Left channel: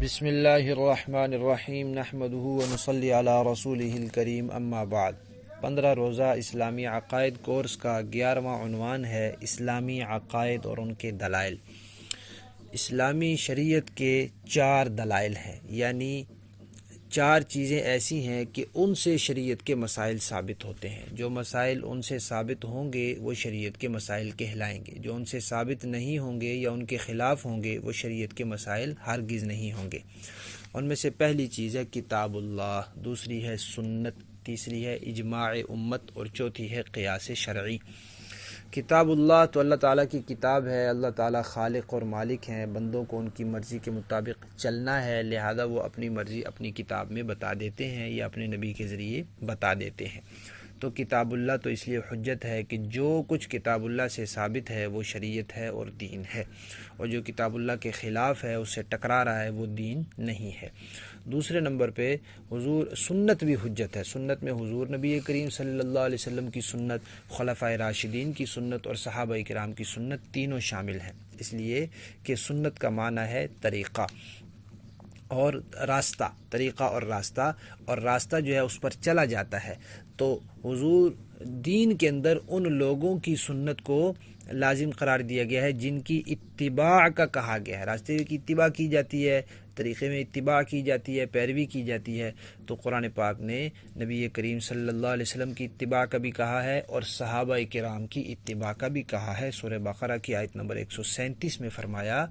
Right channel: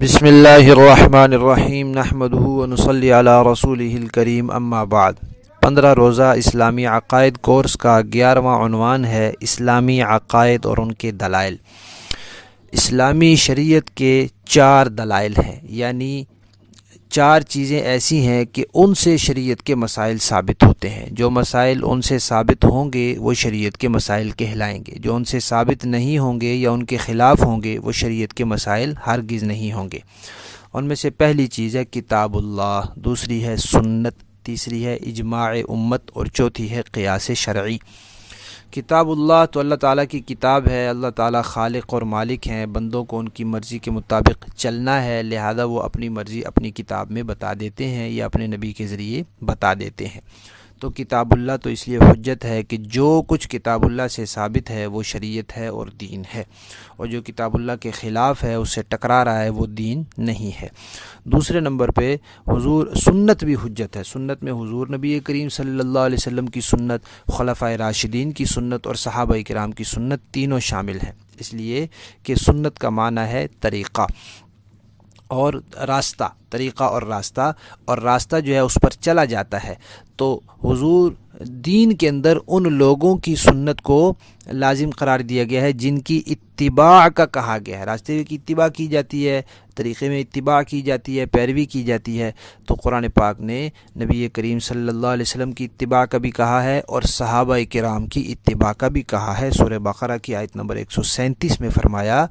بسم اللہ الرحمن الرحیم نحمدہ ونصلی علی رسولہ الکریم اما بعد 15 روزہ اسلامی عقائد کورس کا 11واں عنوان ہے اسلامی عقائد اور ان کے دلائل۔ اسلامی شریعت کے 4 دلائل ہیں، یعنی 4 چیزیں ایسی ہیں کہ ان سے شریعت کے مسائل ثابت ہوتے ہیں۔ جو مسائل ان سے ثابت ہوں گے وہ شریعت کے مسائل کہلائیں گے، جو ان سے ثابت نہیں ہوں گے یا ان کے خلاف ہوں گے وہ شریعت کے مسائل ہرگز نہیں ہوں گے۔ ان میں سے پہلی چیز ہے کتاب اللہ، دوسری ہے سنت، تیسری ہے اجماع امت اور چوتھی ہے قیاس شرعی۔ کتاب اللہ تو اللہ تعالیٰ کی کتاب ہے، اللہ تعالیٰ خالق اور مالک ہیں، بندوں کو ان کی مرضی کے مطابق چلنا ہے، لہذا وہ اپنی مرضی اپنی کتاب میں بتا دیتے ہیں یا اپنے نبی کے ذریعے بتا دیتے ہیں۔ تو کتاب اللہ تو اس لیے حجت ہے کہ جو کچھ کتاب اللہ سے ثابت ہے وہ شریعت ہے اور دین ہے، اور جو کتاب اللہ کے خلاف ہے اس سے ٹکرا رہا ہے وہ دین نہیں ہے۔ دوسرے نمبر پہ سنت بھی حجت ہے۔ سنت میں حضور نبی کریم صلی اللہ علیہ وسلم کی سنت، خلفائے راشدین کی سنت اور صحابہ کرام کی سنت تینوں شامل ہیں، اس لیے کہ سنت کا معنی ہے طریقہ اور راستہ، طریقہ اور راستہ جو ہے اس پر چلا جاتا ہے۔ تو حضور دین کے اندر ان لوگوں کی سنت کو لازم قرار دیا گیا ہے جن کی اتباع کا کہا گیا ہے۔ راستے کی اتباع کی جاتی ہے، طریقے میں اتباع کی جاتی ہے، پیروی کی جاتی ہے۔ تو قرآن پاک نے نبی کریم صلی اللہ علیہ وسلم کی اتباع کا بھی کہا ہے اور صحابہ کرام کی اتباع کا بھی کہا ہے۔ سورہ بقرہ کی آیت نمبر 137 میں فرمایا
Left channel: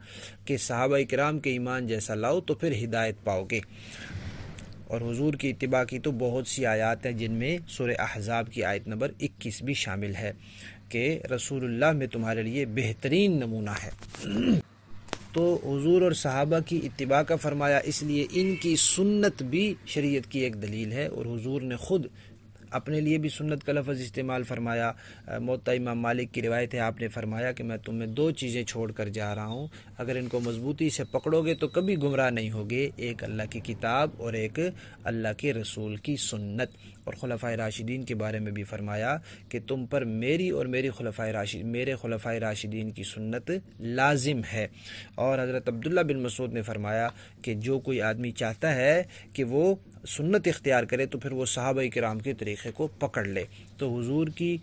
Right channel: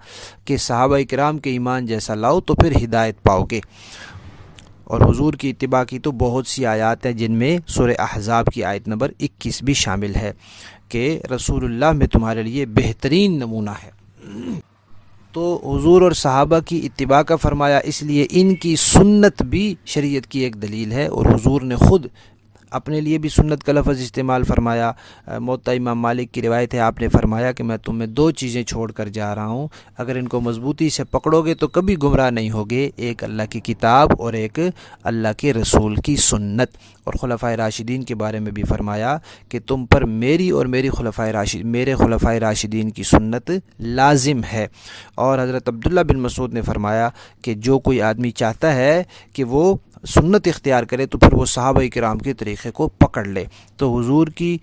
کہ صحابہ کرام کے ایمان جیسا لاؤ تو پھر ہدایت پاؤ گے۔ اور حضور کی اتباع کی تو بہت سی آیات ہیں جن میں سورہ احزاب کی آیت نمبر 21 بھی شامل ہے کہ رسول اللہ میں تمہارے لیے بہترین نمونہ ہے۔ تو حضور اور صحابہ کی اتباع کا فرمایا، اس لیے ان کی سنت بھی شریعت کی ایک دلیل ہے، اور حضور نے خود اپنے لیے بھی سنت کا لفظ استعمال فرمایا۔ موطا امام مالک کی روایت ہے، آپ نے فرمایا کہ میں تمہیں 2 چیزیں چھوڑ کر جا رہا ہوں، اگر ان کو مضبوطی سے پکڑو گے تو کبھی گمراہ نہیں ہوگے، ایک اللہ کی کتاب اور ایک اللہ کے رسول کی سنت۔ اور خلفائے راشدین کے بارے میں بھی فرمایا کہ تم پر میری اور میرے خلفائے راشدین کی سنت لازم ہے۔ اور حضرت عبداللہ بن مسعود نے فرمایا کہ جو کوئی آدمی چاہتا ہے کہ وہ سنت اختیار کرے تو پھر وہ صحابہ کرام کے طریقے کو پکڑ لے۔ تو حضور کی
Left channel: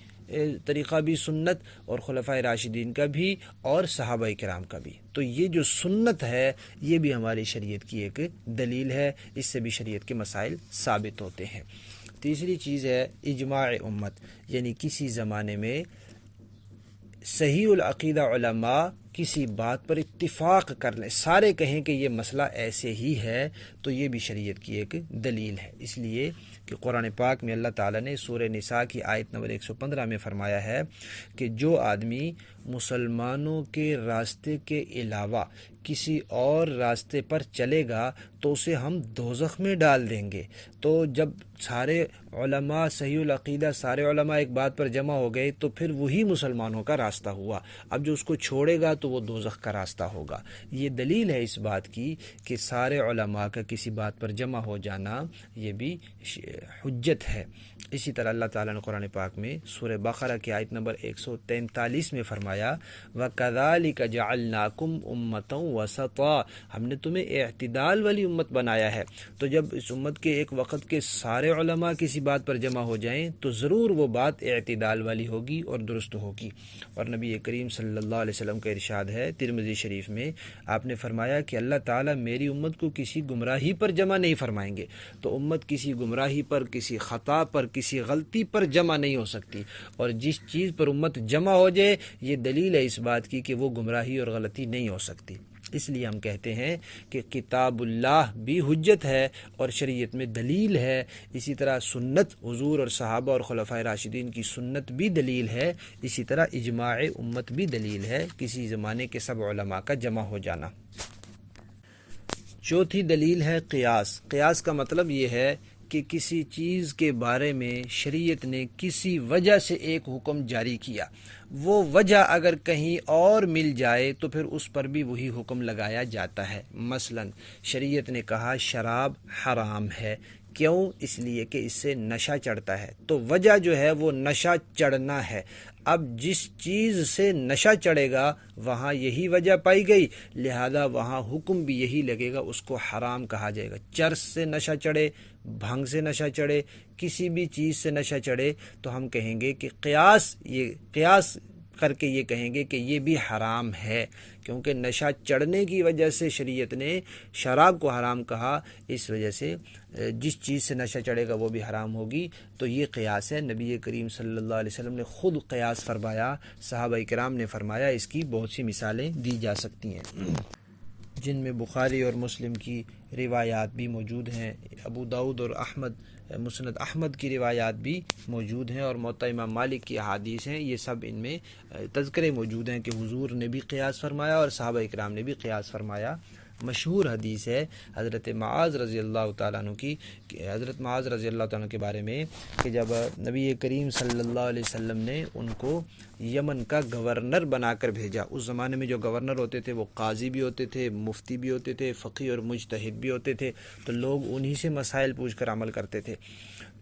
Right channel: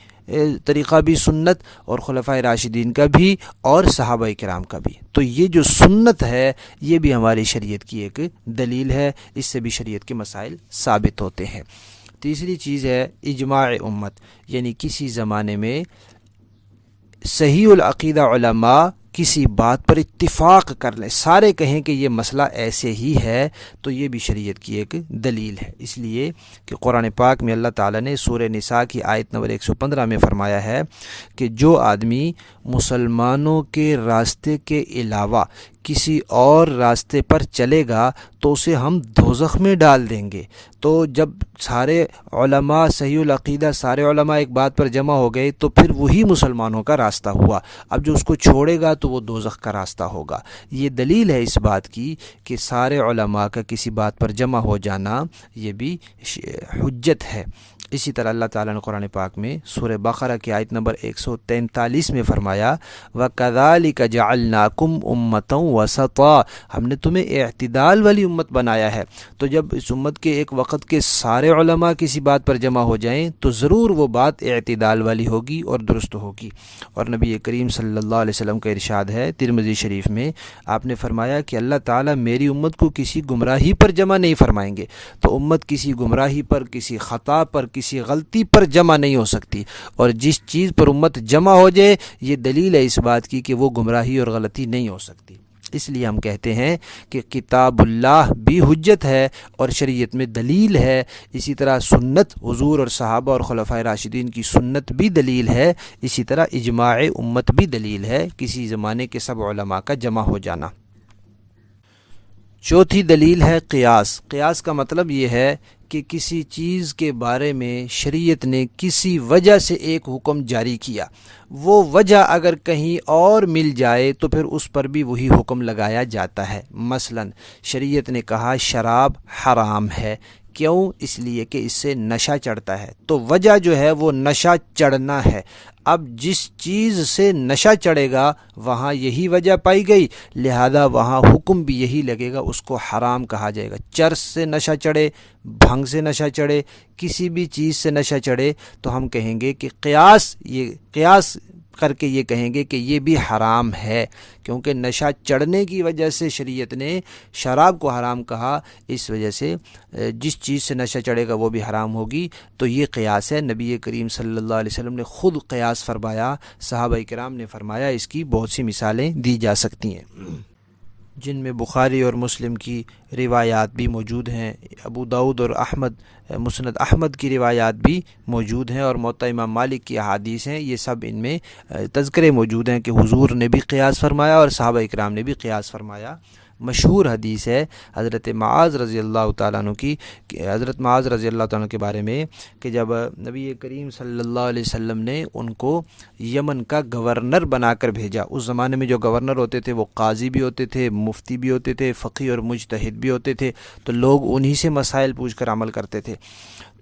طریقہ بھی سنت اور خلفائے راشدین کا بھی اور صحابہ کرام کا بھی۔ تو یہ جو سنت ہے یہ بھی ہماری شریعت کی ایک دلیل ہے، اس سے بھی شریعت کے مسائل ثابت ہوتے ہیں۔ تیسری چیز ہے اجماع امت، یعنی کسی زمانے میں صحیح العقیدہ علماء کسی بات پر اتفاق کر لیں، سارے کہیں کہ یہ مسئلہ ایسے ہی ہے، تو یہ بھی شریعت کی ایک دلیل ہے، اس لیے کہ قرآن پاک میں اللہ تعالیٰ نے سورہ نساء کی آیت نمبر 115 میں فرمایا ہے کہ جو آدمی مسلمانوں کے راستے کے علاوہ کسی اور راستے پر چلے گا تو اسے ہم دوزخ میں ڈال دیں گے۔ تو جب سارے علماء صحیح العقیدہ، سارے علماء ایک بات پر جمع ہو گئے تو پھر وہی مسلمانوں کا راستہ ہوا، اب جو اس کو چھوڑے گا تو وہ دوزخ کا راستہ ہوگا۔ یہ دلیل ہے اس بات کی کہ سارے علماء کا کسی بات پر جمع ہو جانا یہ بھی حجت ہے۔ اسی طرح اللہ تعالیٰ نے قرآن پاک میں سورہ بقرہ کی آیت نمبر 143 میں فرمایا وَكَذَلِكَ جَعَلْنَاكُمْ أُمَّةً وَسَطًا، ہم نے تمہیں اعتدال والی امت بنایا ہے۔ تو جب اس امت کے ایک وقت کے سارے علماء کسی بات پر جمع ہو جائیں تو ضرور وہ بات اعتدال والی ہوگی اور درست ہوگی۔ اور نبی کریم صلی اللہ علیہ وسلم کا ارشاد ہے ترمذی شریف میں، آپ نے فرمایا کہ اللہ تعالیٰ میری امت کو کسی گمراہی پر جمع نہیں فرمائیں گے۔ تو امت کسی گمراہی پر، کسی خطا پر، کسی غلطی پر جمع نہیں ہو سکتی، اور جس چیز پر امت جمع ہو جائے یہ دلیل ہے اس بات کی کہ وہ گمراہی اور غلطی نہیں ہو سکتی۔ اس لیے ہم کہتے ہیں کہ کتاب اللہ بھی حجت ہے اور شریعت میں دلیل ہے، اسی طرح سنت حضور اور صحابہ اور خلفائے راشدین کی سنت بھی دلیل ہے، اسی طرح اجماع امت بھی دلیل ہے، کسی زمانے کے سب علماء کا جمع ہو جانا۔ چوتھی دلیل ہے قیاس۔ قیاس کا مطلب یہ ہے کہ کسی چیز کے بارے میں شریعت نے کسی وجہ سے ایک حکم جاری کیا، وہ وجہ اگر کہیں اور مل جائے تو پھر اس پر بھی وہی حکم لگایا جاتا ہے۔ مثلا شریعت نے کہا شراب حرام ہے، کیوں؟ اس لیے کہ اس سے نشہ چڑھتا ہے، تو وجہ جو ہے وہ نشہ چڑھنا ہے۔ اب جس چیز سے نشہ چڑھے گا وہاں یہی وجہ پائی گئی، لہذا وہاں حکم بھی یہی لگے گا، اس کو حرام کہا جائے گا۔ چرس سے نشہ چڑھے، بھنگ سے نشہ چڑھے، کسی بھی چیز سے نشہ چڑھے تو ہم کہیں گے کہ قیاس کر کے یہ کہیں گے کہ یہ بھی حرام ہے، کیونکہ نشہ چڑھنے کی وجہ سے شریعت نے شراب کو حرام کہا، اس وجہ سے جس چیز سے نشہ چڑھے گا وہ بھی حرام ہوگی۔ تو یہ قیاس ہے، نبی کریم صلی اللہ علیہ وسلم نے خود قیاس فرمایا، صحابہ کرام نے فرمایا، اس کی بہت سی مثالیں دی جا سکتی ہیں، جن میں بخاری اور مسلم کی روایات بھی موجود ہیں، ابو داؤد اور مسند احمد کی روایات بھی موجود ہیں، اور موطا امام مالک کی احادیث ہیں۔ یہ سب ان میں تذکرے موجود ہیں کہ حضور نے بھی قیاس فرمایا اور صحابہ کرام نے بھی قیاس فرمایا۔ مشہور حدیث ہے حضرت معاذ رضی اللہ تعالیٰ عنہ کی، حضرت معاذ رضی اللہ تعالیٰ عنہ کے بارے میں کہ جب نبی کریم صلی اللہ علیہ وسلم نے ان کو یمن کا گورنر بنا کر بھیجا، اس زمانے میں جو گورنر ہوتے تھے وہ قاضی بھی ہوتے تھے، مفتی بھی ہوتے تھے، فقیہ اور مجتہد بھی ہوتے تھے، تو لوگ انہی سے مسائل پوچھ کر عمل کرتے تھے۔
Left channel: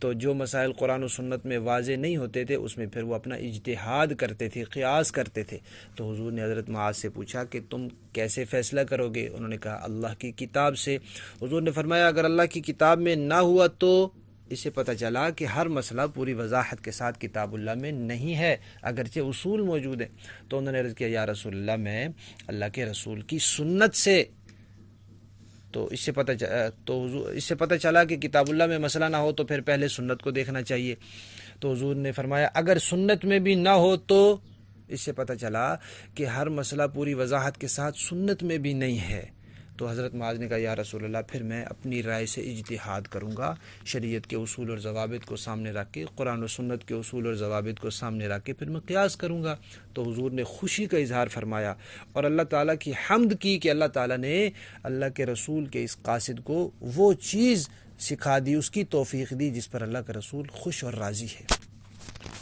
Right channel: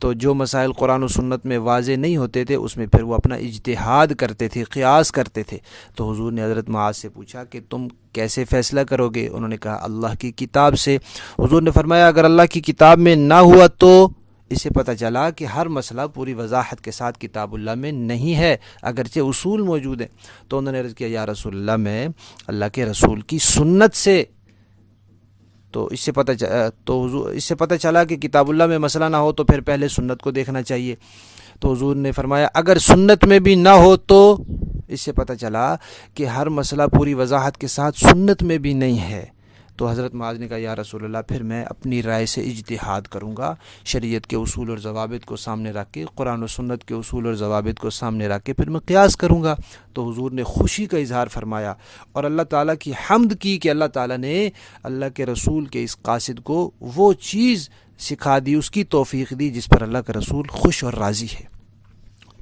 تو جو مسائل قرآن و سنت میں واضح نہیں ہوتے تھے اس میں پھر وہ اپنا اجتہاد کرتے تھے، قیاس کرتے تھے۔ تو حضور نے حضرت معاذ سے پوچھا کہ تم کیسے فیصلہ کرو گے؟ انہوں نے کہا اللہ کی کتاب سے۔ حضور نے فرمایا اگر اللہ کی کتاب میں نہ ہوا تو اس سے پتہ چلا کہ ہر مسئلہ پوری وضاحت کے ساتھ کتاب اللہ میں نہیں ہے، اگرچہ اصول موجود ہیں۔ تو انہوں نے عرض کیا یا رسول اللہ میں اللہ کے رسول کی سنت سے، تو اس سے پتہ چلا کہ کتاب اللہ میں مسئلہ نہ ہو تو پھر پہلے سنت کو دیکھنا چاہیے۔ تو حضور نے فرمایا اگر سنت میں بھی نہ ہو تو اس سے پتہ چلا کہ ہر مسئلہ پوری وضاحت کے ساتھ سنت میں بھی نہیں ہے۔ تو حضرت معاذ نے کہا یا رسول اللہ پھر میں اپنی رائے سے اجتہاد کروں گا، شریعت کے اصول اور ضوابط کو سامنے رکھ کے، قرآن و سنت کے اصول اور ضوابط کو سامنے رکھ کے پھر میں قیاس کروں گا۔ تو حضور نے خوشی کا اظہار فرمایا اور اللہ تعالیٰ کی حمد کی کہ اللہ تعالیٰ نے اللہ کے رسول کے اس قاصد کو وہ چیز سکھا دی، اس کی توفیق دی جس پر اللہ کا رسول خوش اور راضی ہے۔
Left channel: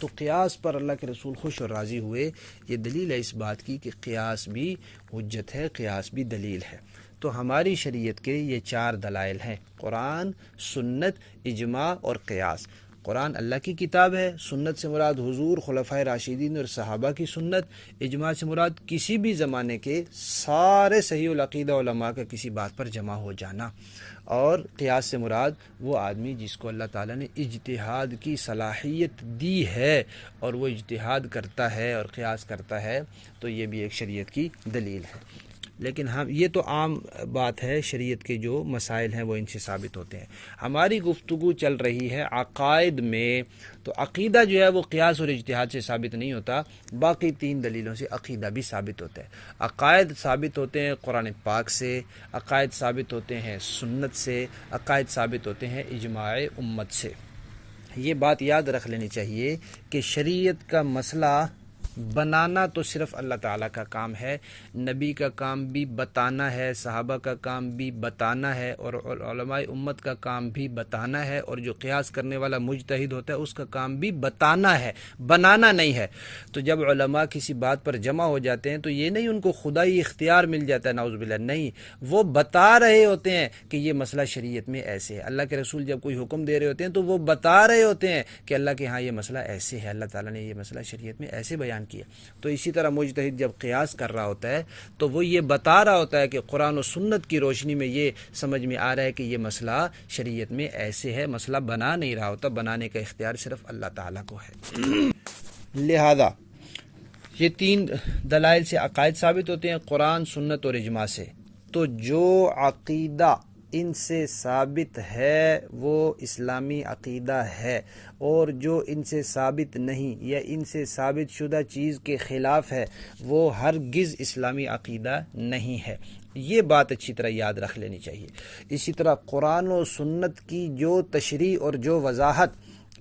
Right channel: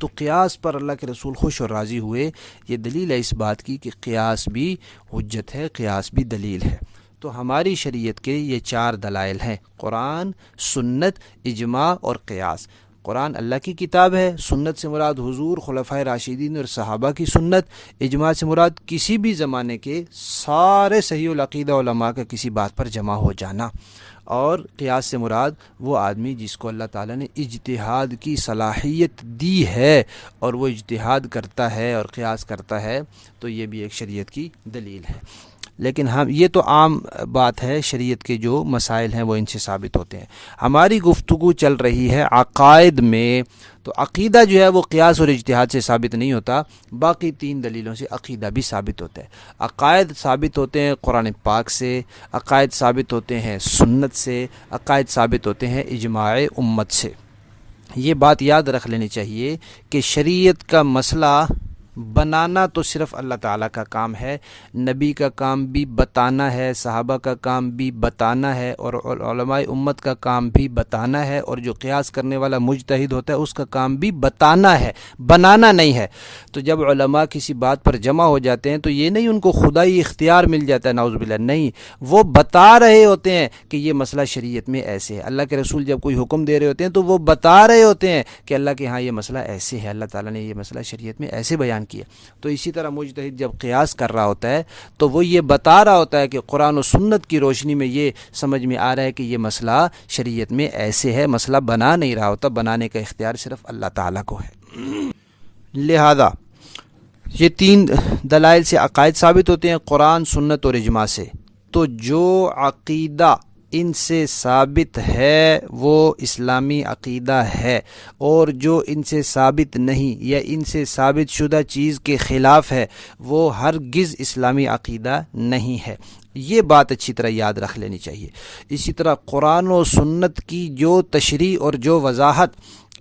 تو قیاس پر اللہ کے رسول خوش اور راضی ہوئے، یہ دلیل ہے اس بات کی کہ قیاس بھی حجت ہے، قیاس بھی دلیل ہے۔ تو ہماری شریعت کے یہ 4 دلائل ہیں، قرآن، سنت، اجماع اور قیاس۔ قرآن اللہ کی کتاب ہے، سنت سے مراد حضور، خلفائے راشدین اور صحابہ کی سنت، اجماع سے مراد کسی بھی زمانے کے سارے صحیح العقیدہ علماء کا کسی بات پر جمع ہو جانا، اور قیاس سے مراد وہ آدمی جس کو اللہ تعالیٰ نے اجتہاد کی صلاحیت دی ہے اور وہ اجتہاد کرتا ہے اور قیاس کرتا ہے، تو یہ بھی ایک شریعت کی دلیل ہے۔ لیکن یہ تو عام بات ہے، شریعت کے جو مسائل ہیں وہ ان سے ثابت ہوتے ہیں۔ ہماری گفتگو چل رہی ہے عقائد میں، تو عقیدہ جو ہے وہ قیاس اور اجتہاد سے ثابت نہیں ہوتا، باقی 3 دلیلوں سے عقیدہ بھی ثابت ہوتا ہے۔ عقائد ثابت ہوتے ہیں قرآن پاک سے، عقائد ثابت ہوتے ہیں سنت سے، عقائد ثابت ہوتے ہیں اجماع امت سے۔ یہ بات یاد رکھ لینی چاہیے کہ شریعت کا مسئلہ بنانا تو صرف اللہ تعالیٰ کا کام ہے، نبی کا کام بھی بتانا ہے، صحابہ کا کام بھی بتانا ہے، اور علماء امت کا کام بھی بتانا ہے، اور جو قیاس کرنے والا مجتہد ہوتا ہے اس کا کام بھی بتانا ہے، بنانا نہیں ہے۔ تو جب علماء کسی بات پر جمع ہو جاتے ہیں تو یہ نہیں ان کو خدائی اختیار مل جاتا ہے، نعوذ باللہ، نہیں، وہ بتا رہے ہوتے ہیں کہ یہ مسئلہ شریعت میں ایسے ہے۔ اللہ کے رسول جب کوئی حکم دے رہے ہوتے ہیں تو وہ بتا رہے ہوتے ہیں کہ اللہ کے ہاں یہ مسئلہ ایسے ہے، اللہ تعالیٰ نے یہ مسئلہ شریعت میں ایسے بیان کیا۔ تو اسی طرح مجتہد جب قیاس کر رہا ہوتا ہے تو وہ یہ بتا رہا ہوتا ہے کہ قرآن و سنت کی روشنی میں یہ سمجھ میں آ رہا ہے کہ یہ مسئلہ شریعت میں ایسے ہے، مسئلہ بنا نہیں رہا ہوتا، بنانے کا اختیار صرف اللہ تعالیٰ کو ہے۔ لہذا یہ 3 دلائل سے عقائد ثابت ہوتے ہیں، قرآن، سنت اور اجماع سے۔ تو جو عقیدہ ان سے ثابت ہے وہ اسلامی عقیدہ ہے، اور جو ان سے ثابت نہیں یا ان سے ثابت شدہ چیز کے خلاف ہے وہ ہرگز اسلامی عقیدہ نہیں ہے۔ یہ بات اچھی طرح یاد رکھ لینی چاہیے۔ اسی طرح قرآن و سنت کی جو تشریح اور جو وضاحت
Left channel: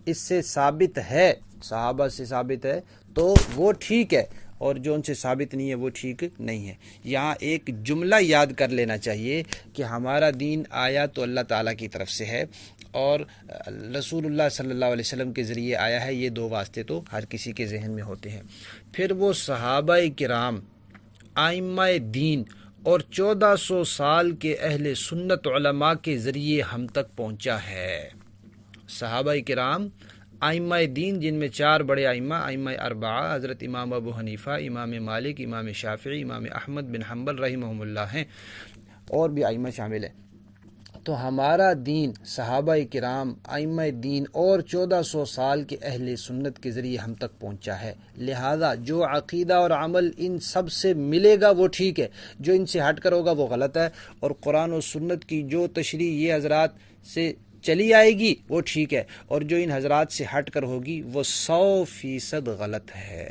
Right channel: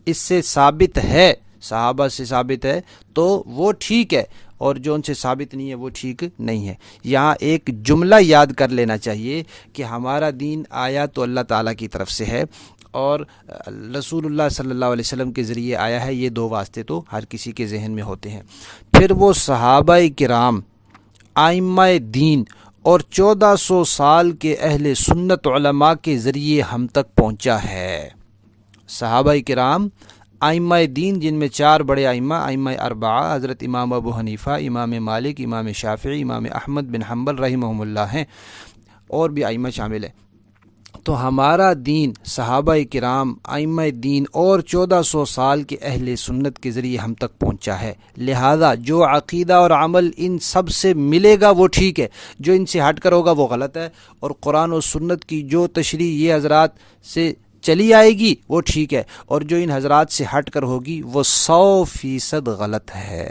اس سے ثابت ہے، صحابہ سے ثابت ہے تو وہ ٹھیک ہے، اور جو ان سے ثابت نہیں ہے وہ ٹھیک نہیں ہے۔ یہاں ایک جملہ یاد کر لینا چاہیے کہ ہمارا دین آیا تو اللہ تعالیٰ کی طرف سے ہے، اور رسول اللہ صلی اللہ علیہ وسلم کے ذریعے آیا ہے، یہ 2 واسطے تو ہر کسی کے ذہن میں ہوتے ہیں۔ پھر وہ صحابہ کرام، ائمہ دین اور 1400 سال کے اہل سنت علماء کے ذریعے ہم تک پہنچا ہے۔ صحابہ کرام، ائمہ دین جن میں 4 بڑے ائمہ اربعہ حضرت امام ابو حنیفہ، امام مالک، امام شافعی، امام احمد بن حنبل رحمہم اللہ ہیں، اور بھی ائمہ شامل ہیں۔ تو ہمارا دین صحابہ کرام، ائمہ دین اور 1400 سال کے اہل سنت کے ذریعے ہم تک پہنچا ہے، لہذا جو عقیدہ اور عمل ان سب سے ملے گا وہ ٹھیک ہے، جو ان سے ہٹ کر ہوگا وہ غلط ہے، اور قرآن و سنت کی جو تشریح یہ حضرات سے چلی آئے گی وہ ٹھیک ہے، اور جو ان حضرات سے ہٹ کر ہوگی وہ 100% غلط ہے۔